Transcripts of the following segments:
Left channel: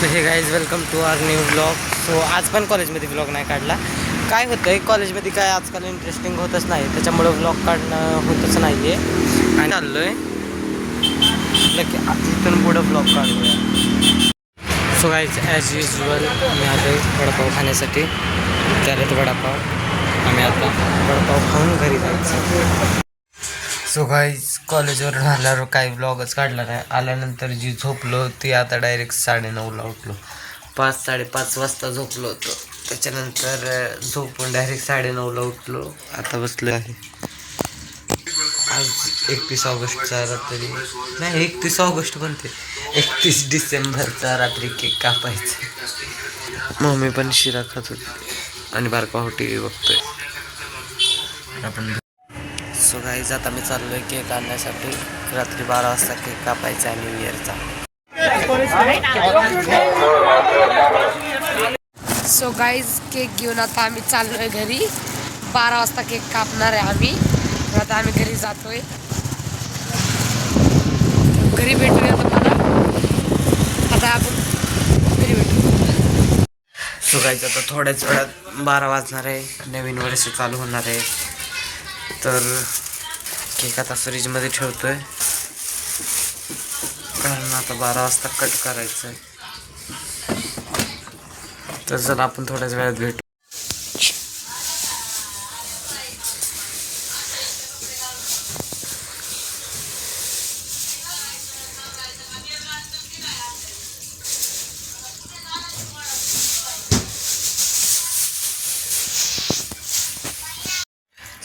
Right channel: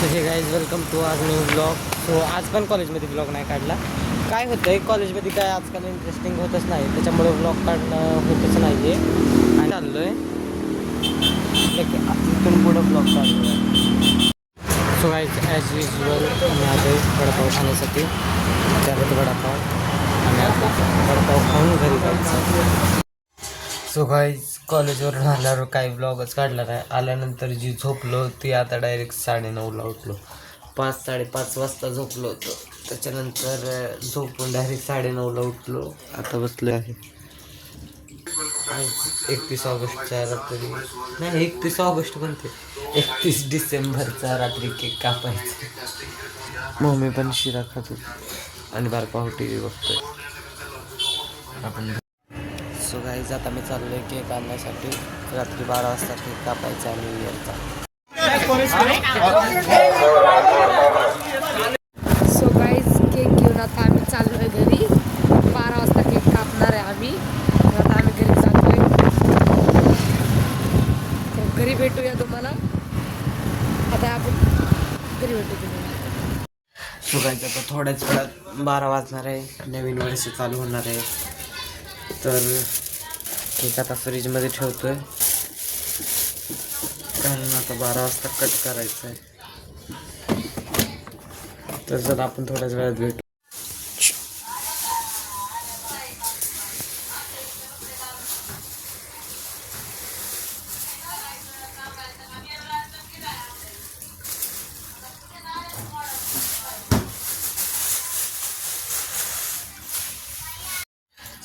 So hey guys welcome to our new blog. So आज पण कॉलेजमध्ये ब्लॉग नाही काढला. काय होतं आहे कॉलेजमध्ये काय आजकाल इंटरेस्टिंग होतच नाही, त्याच्यामुळं ब्लॉग काढणं होतच नाही आहे. आणि चाललो आहे इथून पुढं ब्लॉग काढूया. सो गाईज ॲज युजल आम्ही आलो वडापाव खाण्यासाठी. त्याला वडापाव आम्ही आता वडापाव खाऊन घरी जायचं. सो गाईज कॉलेजवरून आल्यावर काही ब्लॉगच काढला नाही. आल्यानंतर जी झोपलो ती आता डायरेक्ट 9:30ला उठलो. 5-5:30 वाजता झोपलो होतो. त्याच्यानंतर झोपून डायरेक्ट 9:30ला उठलो. आता बसलो आहे. आज 31 ऑगस्टचा रात्री नाही 31 ऑगस्ट बनते 31 डिसेंबरचा रात्री केक कापायचा. मम्मी पण शिरा खात होती आणि बारका हो टी व्ही बघतोय. आपण सो गाईज आता मी चाललो आहे केक आणण्यासाठी. रात्री 12 वाजता केक कापायचा आहे न्यू इयरचा. सो गाईज केक घेऊन आता आम्ही चाललो आहे घरी. 12 वाजता केक कापणार आहे आम्ही. आता आम्ही घरी जातोय. घरी भेटूया तुम्हाला. आता आपण घरी भेटू. सो गाईज आता थोड्याच वेळात 12 वाजणार आहे. नवीन वर्ष चालू होणार आहे. तर केक आता फ्रीजमध्ये ठेवतोय कारण आता 12 वाजता कट करायचं आहे. तर चला आपण थोड्याच वेळात भेटू.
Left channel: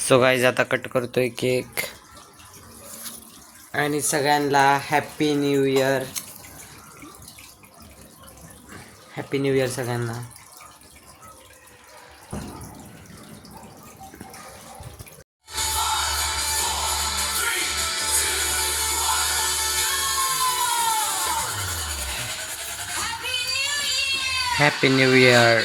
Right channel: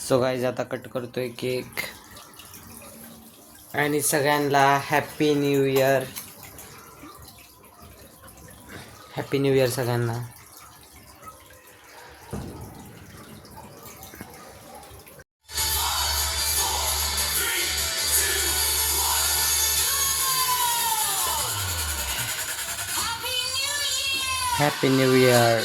सो गाईज आता कट करतोय केक आणि सगळ्यांना happy new year. Happy new year सगळ्यांना. Happy new year.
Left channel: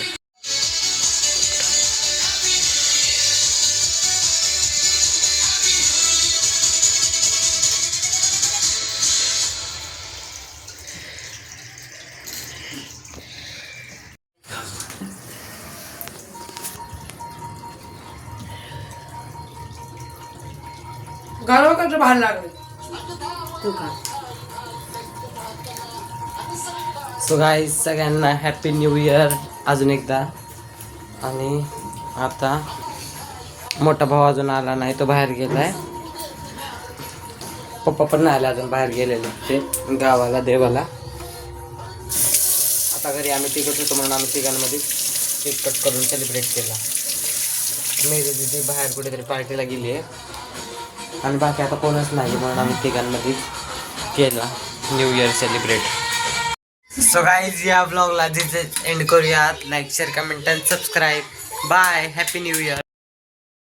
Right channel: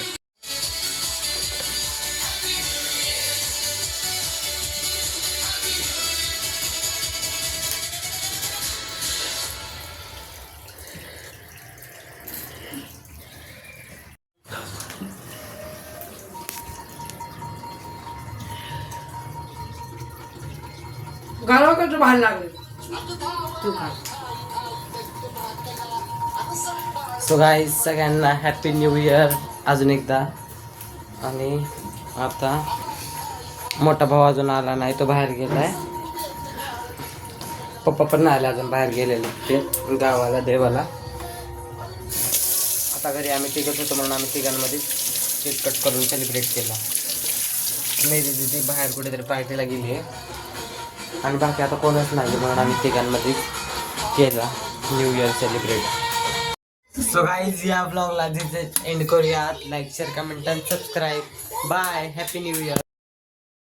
गावाकडचं बाहेर लागले तू खा. सो गाईज सगळ्यांना हॅपी न्यू इयर अजून एकदा. आणि आता मोठा भाऊ अजून आला नाही, तो बाहेर गेलाय. पप्पा पण नाही आले अजून, बाहेर गेलेले ते गावाला देवाला. आता घरी आम्ही तिघच होतो म्हणून आम्ही तिघांमध्ये केक कट करून सेलिब्रेट केला. मेरी दिदी बाहेर कुठेतरी पार्टीला गेली आहे आणि बाकी आता कोणच नाही म्हणून आम्ही तिघांमध्ये केला new year celebrate. So guys या ब्लॉगला जिथे एंड करूयात. लाईक शेअर कमेंट आणि subscribe. Bye. Happy new year.